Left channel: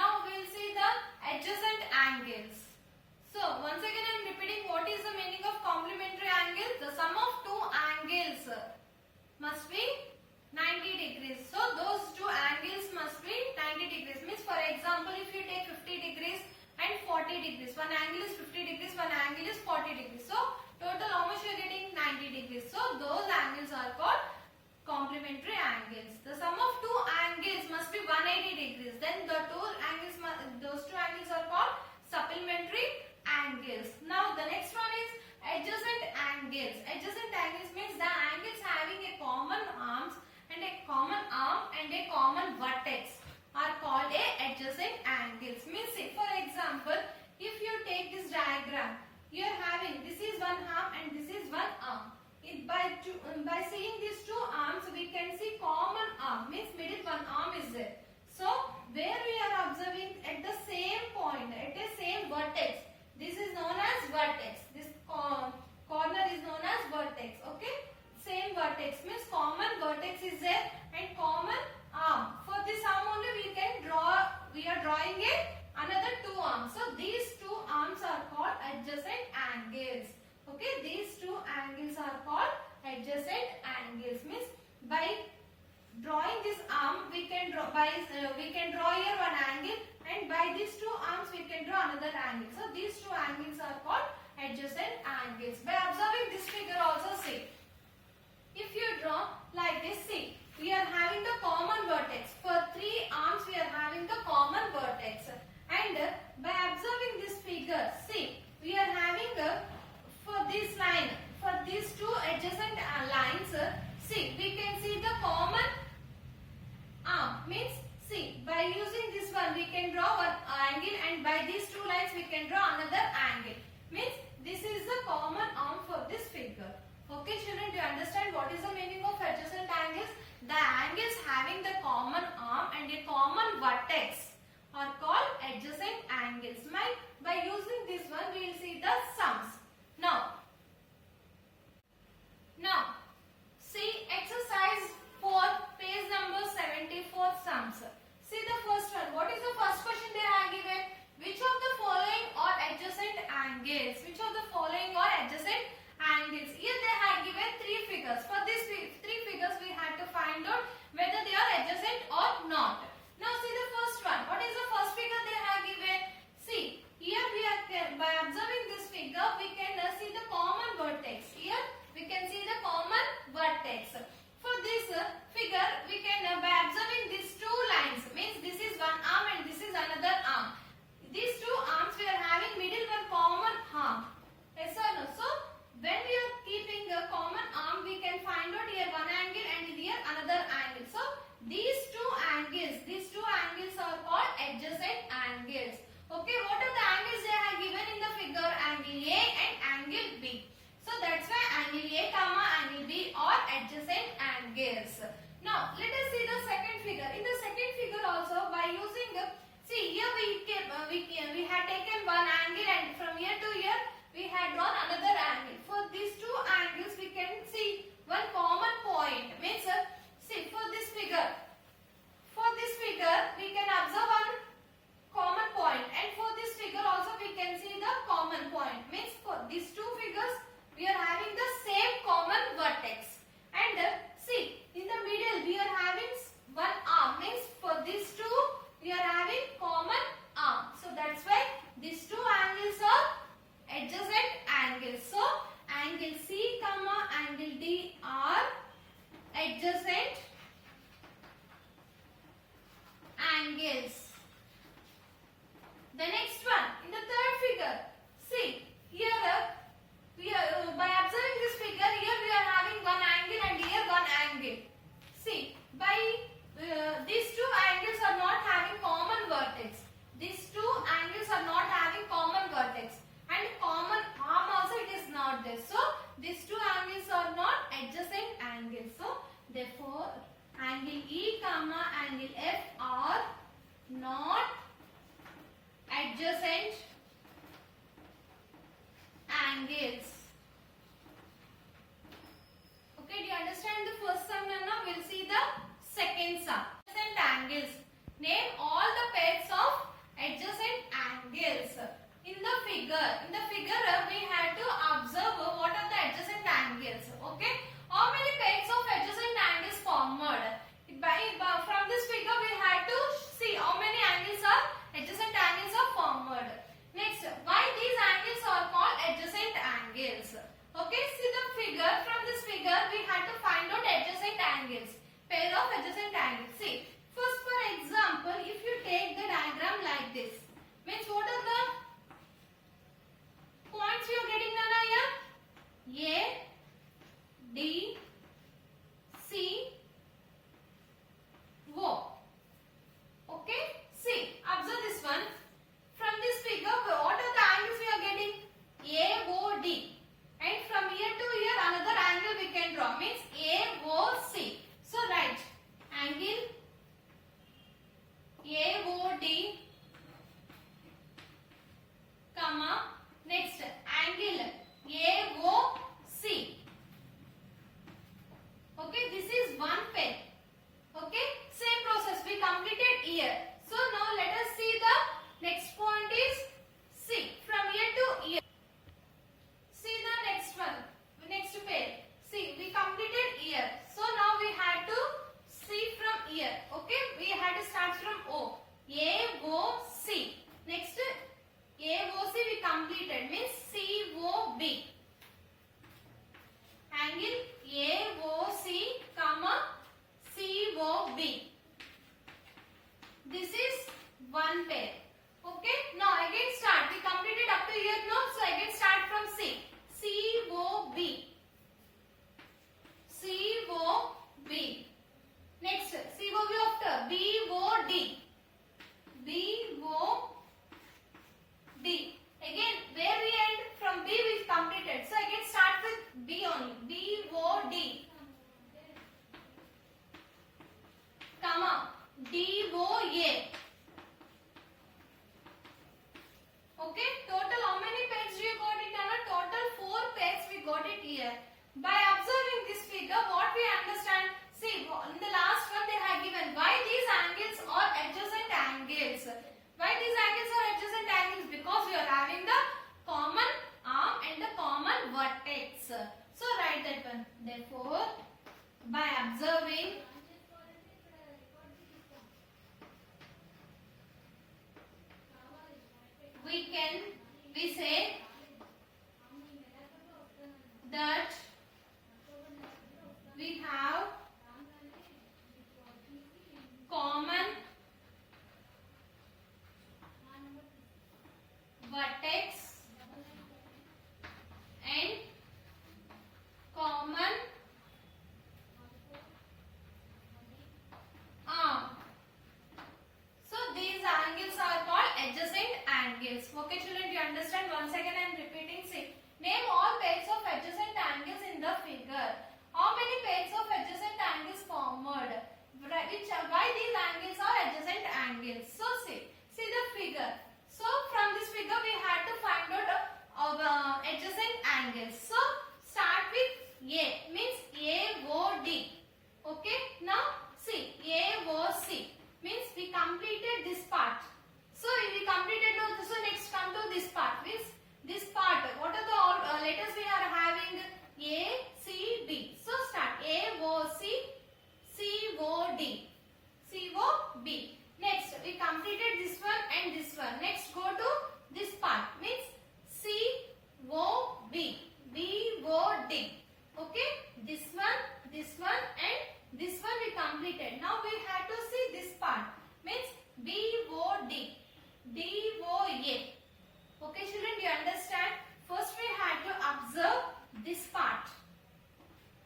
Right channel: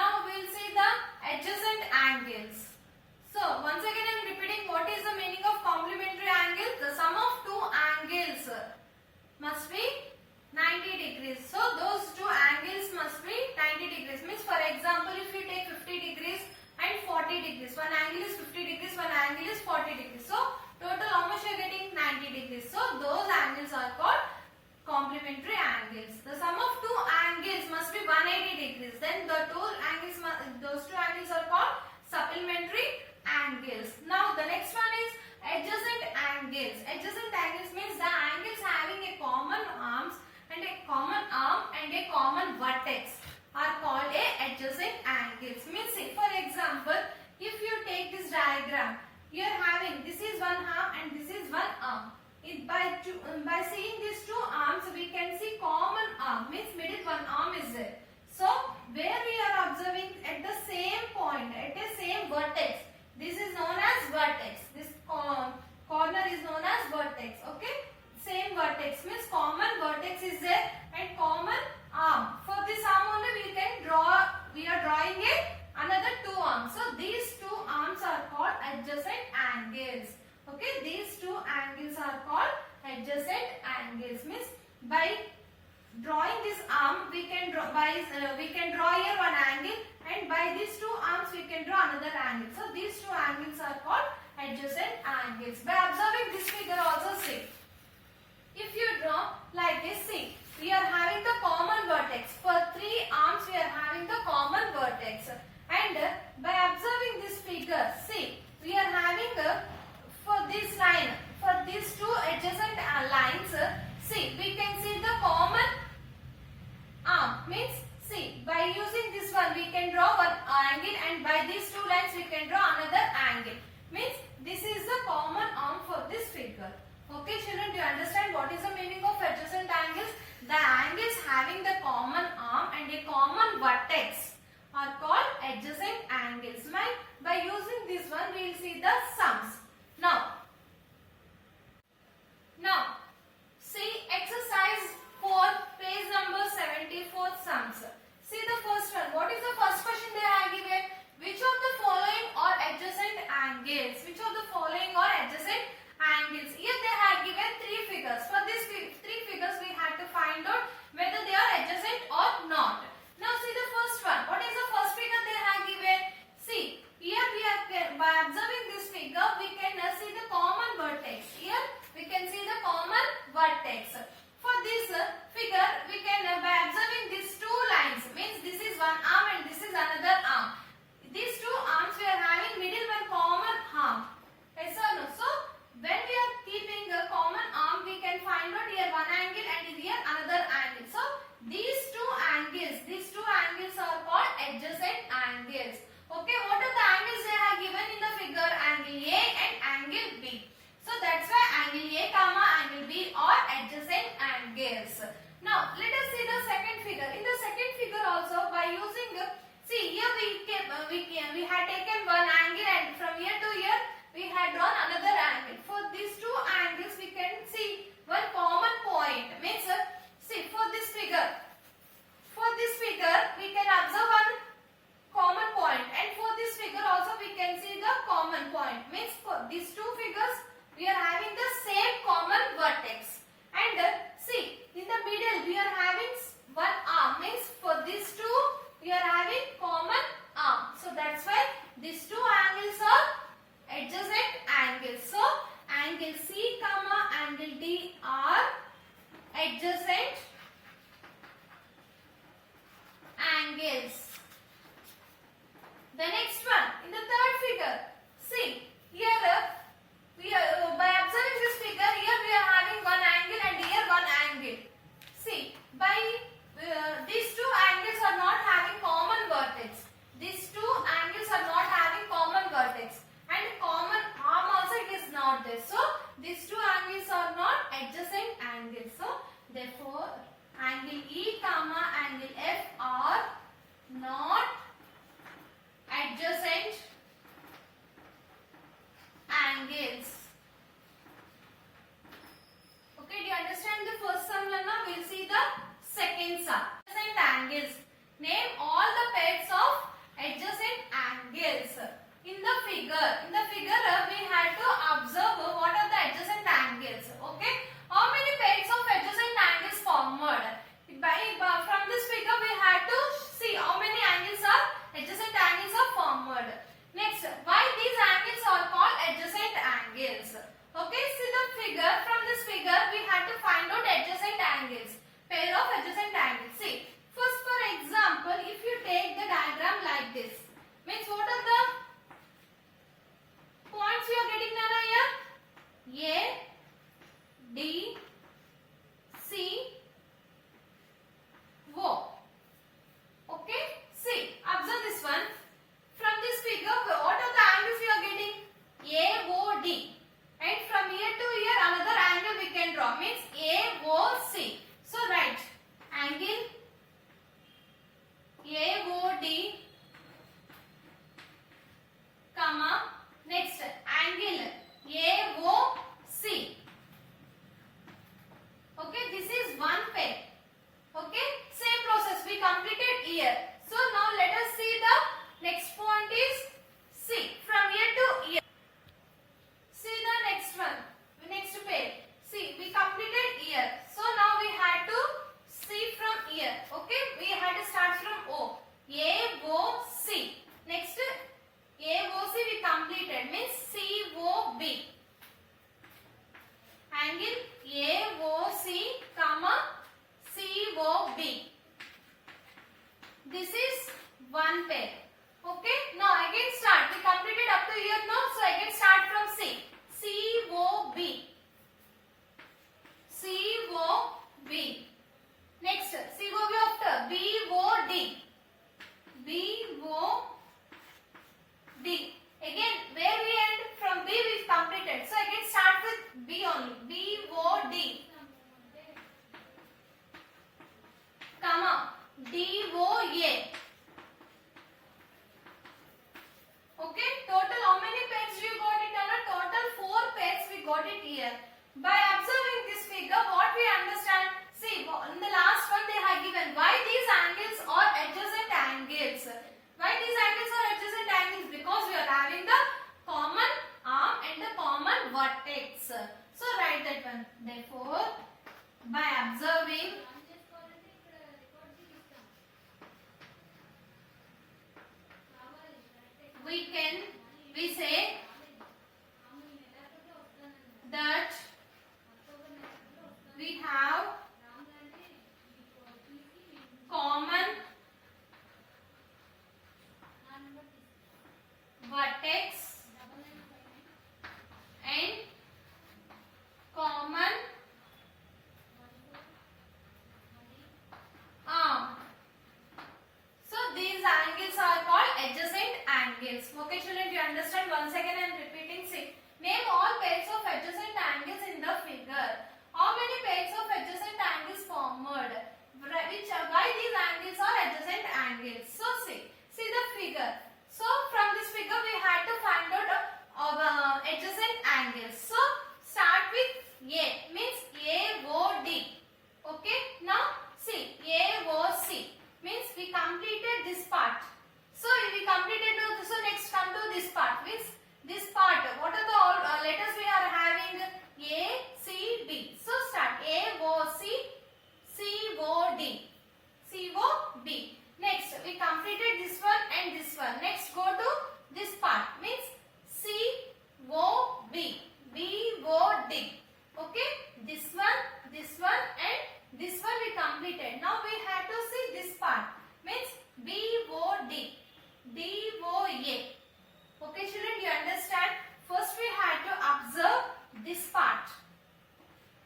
Now we will see the adjacent angles. So once again I am repeating what is the meaning of complementary angle. The sum of two angles must be 90 degrees. So those two angles must be 90 degrees. Means for example if you take 50 degrees and 40 degrees. One angle is 50 degrees, one angle is 40 degrees. So total how much you are getting? 90 degrees. So those angles are called complementary angles. The sum of two angles must be 180 degrees. Then the those two angles are called supplementary angles. Now the next one is adjacent angles. Adjacent angles means the angles having a common arm and a common vertex are called a adjacent angles. Means for example, if you take this diagram, you are having this is one arm and this is one arm. By seeing these two arms, we can see common arm, means middle one arm is there. So where we are observing at the same point, at the same vertex, this is known as vertex. This corner is known as vertex. Okay, same vertex means common vertex is there and common arm. For this arm only we can draw. We are drawing another two arms. So these two arms are called adjacent angles. Okay, these two angles are called adjacent angles. Means by drawing this arm, we can draw here one angle, and by these two arms we can draw another angle. So these two angles are called adjacent angles. By observing this figure also, see, if you draw like this, see, we are having the common vertex. For three arms we are having the common vertex, and by observing this figure, see, we are having for this line, for these two adjacent lines, see, we can see the common arm. Means, see, by using this one we can draw one angle, and by these two lines we can draw another angle. Means this is the common arm for this figure. Okay children, do you understand what is the meaning of adjacent angles? The angles having the common arm and a common vertex are called adjacent angles. By using this one we will see the sums. Now see exercise 4, page number 74, sums. See the first one. What is the first question they have given? Which of the following are adjacent angles? Which of the following are adjacent angles? Here they have given three figures. For these three figures we have to find out whether they are adjacent or not. Now see the first one. What is the first figure they have given? See, here we are, by observing this figure we can see the common vertex. Here we can see the common vertex. For this figure we can, by observing these two lines, means this is one arm and this is another arm. These two arms we are having middle one common arm. Yes or no? So when we are keeping a common arm, we can find out here one angle and here another angle. So these two angles are called adjacent angles. Okay, what are the angles they have given in the figure? Angle A and angle B. So that's why angle A comma angle B are adjacent angles. Now let us see the second figure. In the second figure also, by using, see here we had taken one angle and from here to here we had drawn another angle. For these two angles we can see one common point. Means, see, for this figure we can observe one common point, and for this figure also we can see the common point. Means for these two figures we are having the same common vertex, and see, in the middle we are having one arm. Means for these two we are having common arm. So that's why these two angles are adjacent angles. So angle C comma angle D are adjacent angles. The next one, in the third figure, see, here we are, by observing this figure, here we are having one angle and here one angle. See, by these two angles are not having common vertex. These two angles are not having common vertex, and common arm also it is not there. So these two angles are not adjacent angles. So therefore angle E comma angle F are not adjacent angles. Okay, do you understand the first sum? Now we'll see the second sum. Adjacent angles. Name all the pairs of from this figure we had to see how many angles are adjacent angles are formed. Next, why these angles are called adjacent angles? Okay, see the figure. From this figure we had to find out adjacent angles, pair of adjacent angles. See, first for example, if you take the diagram like this, means what are the points you are getting done here? A, D, C, O. Okay, see, observe this one. From this figure, what are the angles we are getting? AOD. And from here to here, another angle we can draw. Means AOC. So, write angle AOD, comma, next angle AOC. Okay, this is one pair. Okay, same process we completed here. So now let us see the next point is C. From here to here. See the next one, next pair. See, we completed here. So now we had to see from here. Okay, we had to start from O. AOC. Next AOC we completed, means COB. Angle AOC, comma, COB. This is one pair. Okay. Now again start. We completed up to here now. So again start from C. COB. COB. Next COB after BOD. BOD. Again where we end from B we completed. So again start with B only. BOD. Comma. DOA. Okay, total how many pairs we got it? Total 4 pairs we got it here. By observing this figure, what we understand? See, in the last one they have given why these angles are adjacent angles. Why these angles are adjacent angles? Because we are having the common arm and the common vertex. So write that one. Therefore, by observing we say that we have common vertex and common arm. So these angles are called adjacent angles. Okay children, you understand? Once again I am repeating. See, name all pairs of adjacent angles in the figure. How many pairs of adjacent angles formed? Why these angles are adjacent angles? So see the figure. So from this figure we had to find out adjacent angles. So start with A, means AOD. Okay, now see AOC means we completed this part. So we completed so next come to this part, means this part. What are the all letters we are having? A, C, D. So start AOC, COD, COB. Next we completed this one and this one. Next go to this part, means COB, BOD. Okay, this one and this one we completed. Now we have to see this part, means BOD, DOA. Okay children, you understand? First we had to observe this part.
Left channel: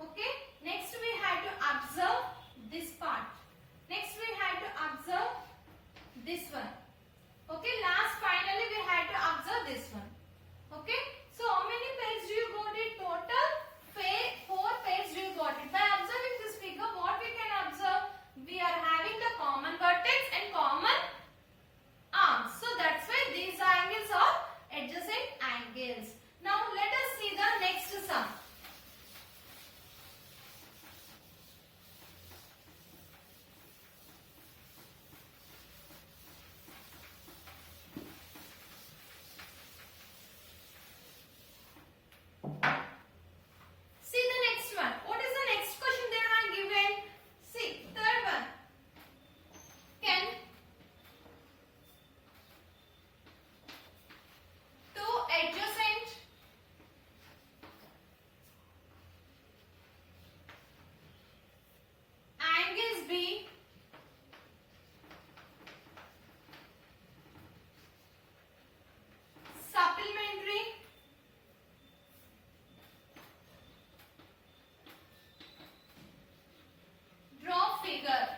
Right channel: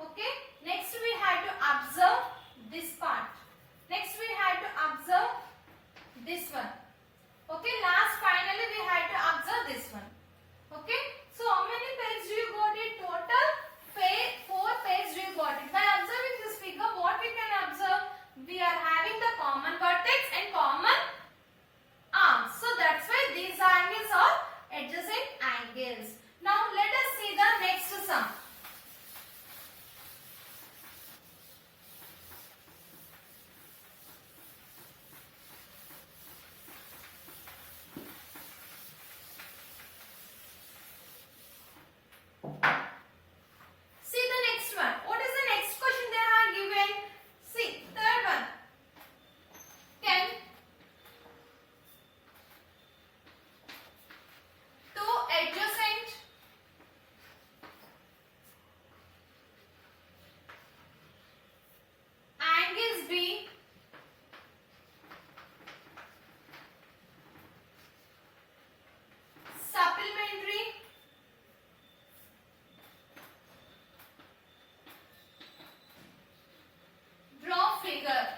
Okay, next we had to observe this part. Next we had to observe this one. Okay, last finally we had to observe this one. Okay, so how many pairs do you got it? Total 4 pairs do you got it. By observing this figure, what we can observe? We are having the common vertex and common arms. So that's why these angles are adjacent angles. Now let us see the next sum. figure.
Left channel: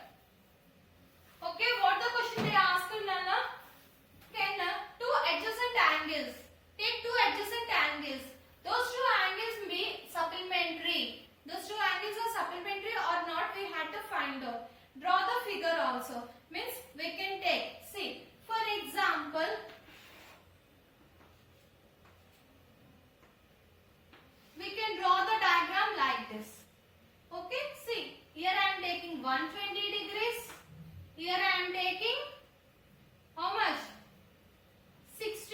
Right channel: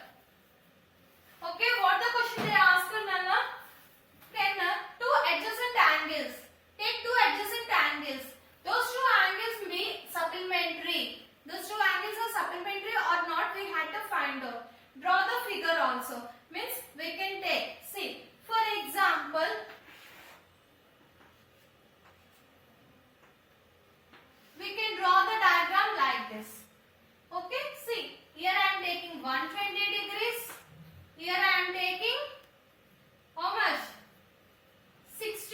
Okay, what the question they asked, Nana? Can two adjacent angles, take two adjacent angles, those two angles be supplementary. Those two angles are supplementary or not, we had to find out. Draw the figure also. Means we can take, see, for example, we can draw the diagram like this. Okay, see, here I am taking 120 degrees. Here I am taking how much? 60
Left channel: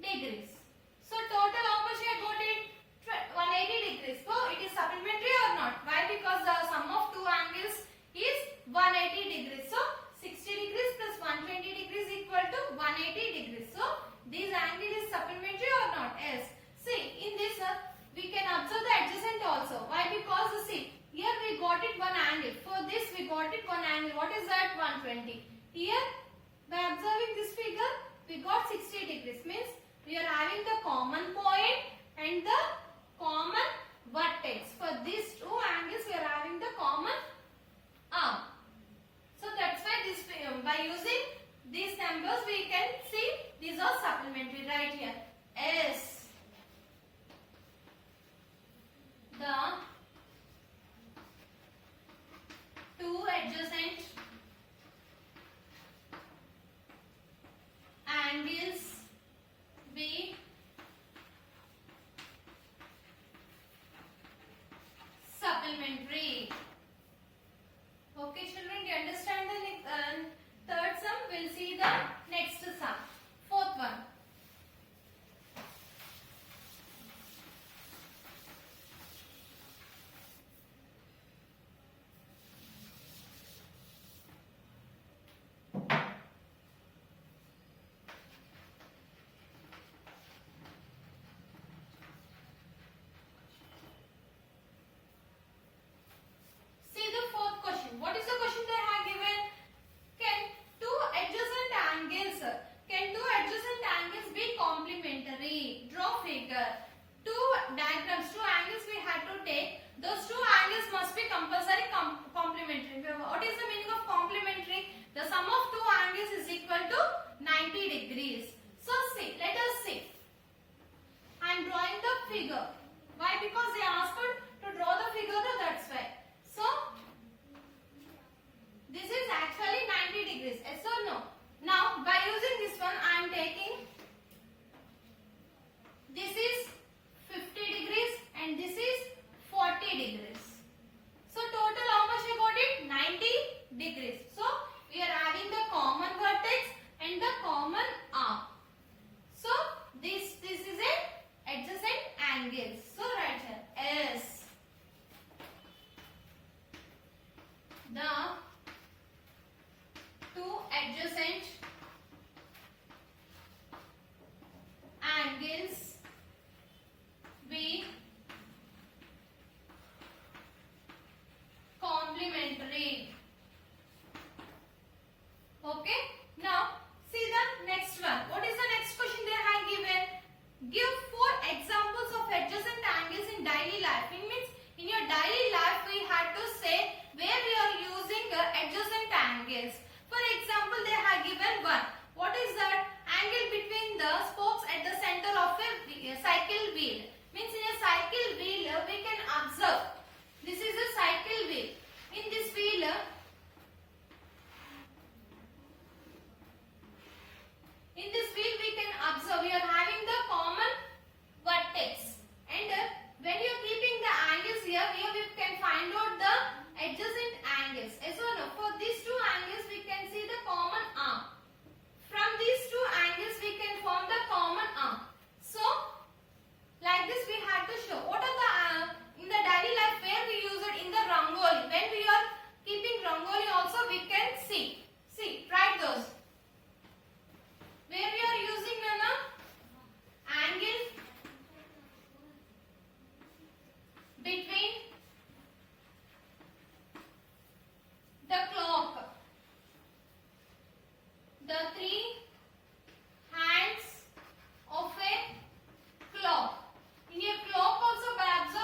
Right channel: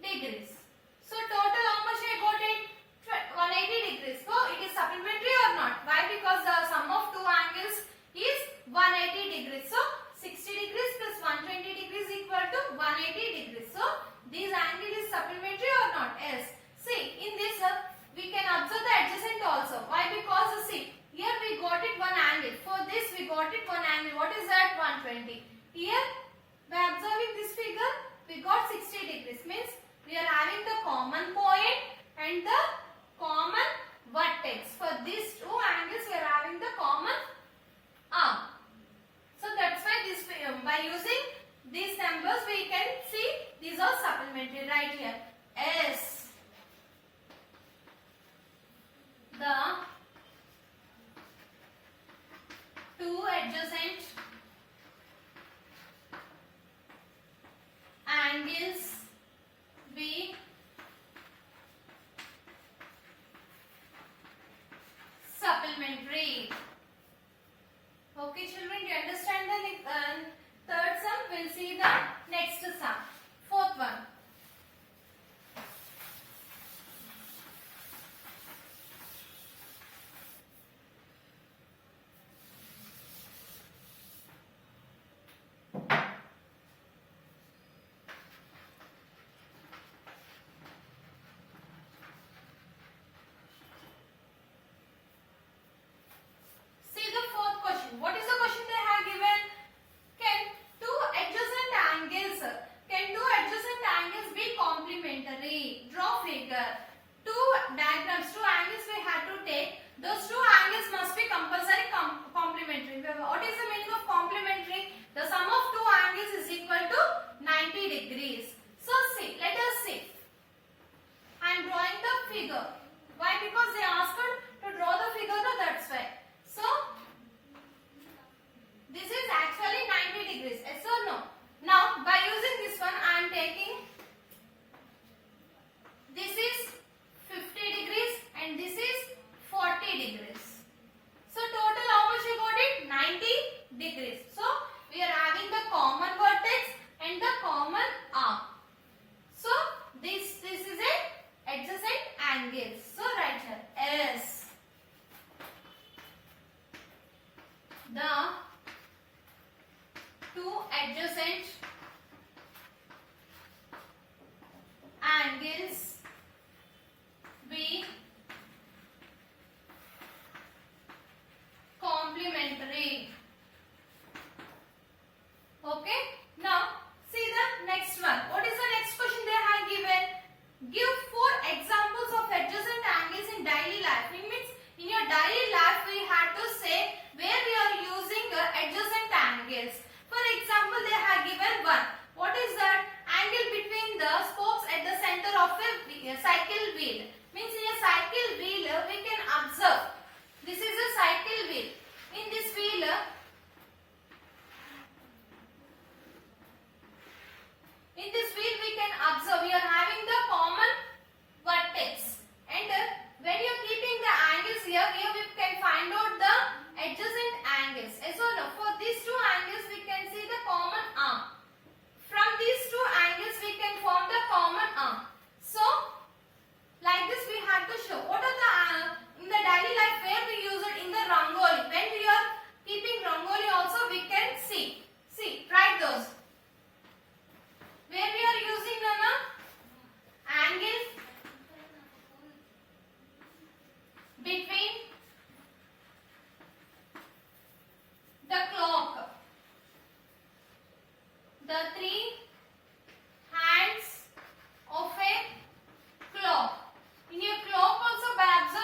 degrees. So total how much I got it? 180 degrees. So it is supplementary or not? Why? Because the sum of two angles is 180 degrees. So 60 degrees plus 120 degrees equal to 180 degrees. So this angle is supplementary or not? Yes. See, in this we can observe the adjacent also. Why? Because see, here we got it one angle. For this we got it one angle. What is that? 120. Here by observing this figure we got 60 degrees. Means we are having the common point and the common vertex. For these two angles we are having the common arm. So that's why this by using these numbers we can see these are supplementary right here. S. The two adjacent angles be supplementary. Okay children, do you understand the third sum? We'll see the next sum. Fourth one. What is the question they have given? Can two adjacent angles be complementary? Draw figure. Two diagrams, two angles we had to take. Those two angles must be compulsory complementary. What is the meaning of complementary? The sum of two angles is equal to 90 degrees. So see, let us see. I am drawing the figure. Why? Because they asked to draw the figure, that's why. So this is actually 90 degrees. Yes or no? Now by using this one I am taking, this is 50 degrees and this is 40 degrees. So total how much you got it? 90 degrees. So we are having the common vertex and the common arm. So this is a adjacent angle. So right here S. The two adjacent angles be complementary. Okay. Now see the next one. What is the next question they have given? Give 4 examples of adjacent angles in daily life. It means in your daily life we had to say where we are using adjacent angles. For example, they have given one. What is that? Angle between the spokes at the center of a cycle wheel. Means in a cycle wheel we can observe. This is a cycle wheel. In this wheel, we can observe we are having the common vertex. And when you are keeping the angles here we can find out the adjacent angles. So no, for these two angles we can see the common arm. From these two angles we can form the common arm. So like this we had to show. What are the in the daily life where we use it? In the rangoli. When we are keeping rangoli also we can see. See, write those. Where we are using angle between the clock, the 3 hands of a clock. In a clock also by observing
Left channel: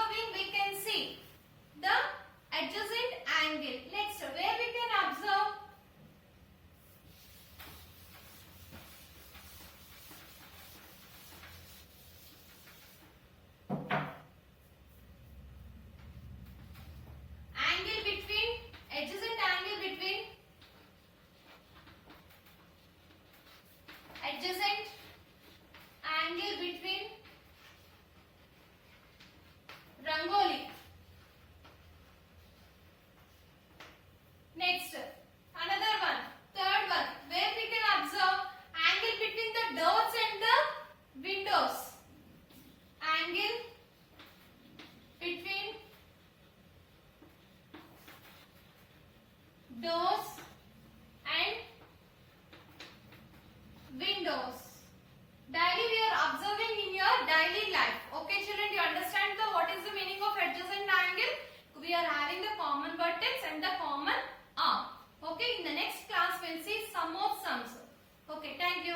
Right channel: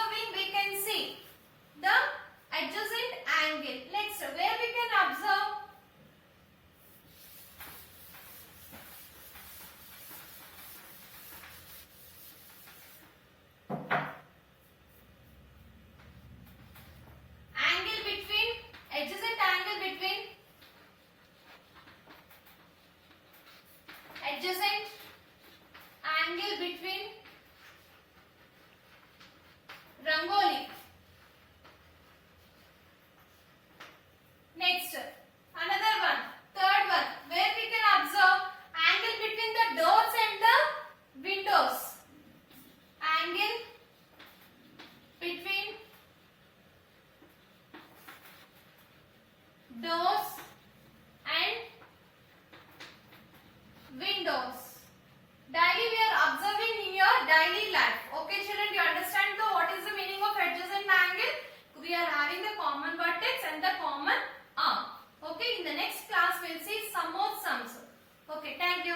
Rangoli. Next, another one, third one, where we can observe angle between the doors and the windows. Angle between doors and windows. Daily we are observing in your daily life. Okay children, you understand what is the meaning of adjacent angle? We are having the common vertex and the common arm. Okay, in the next class we will see some more sums. Okay, thank you.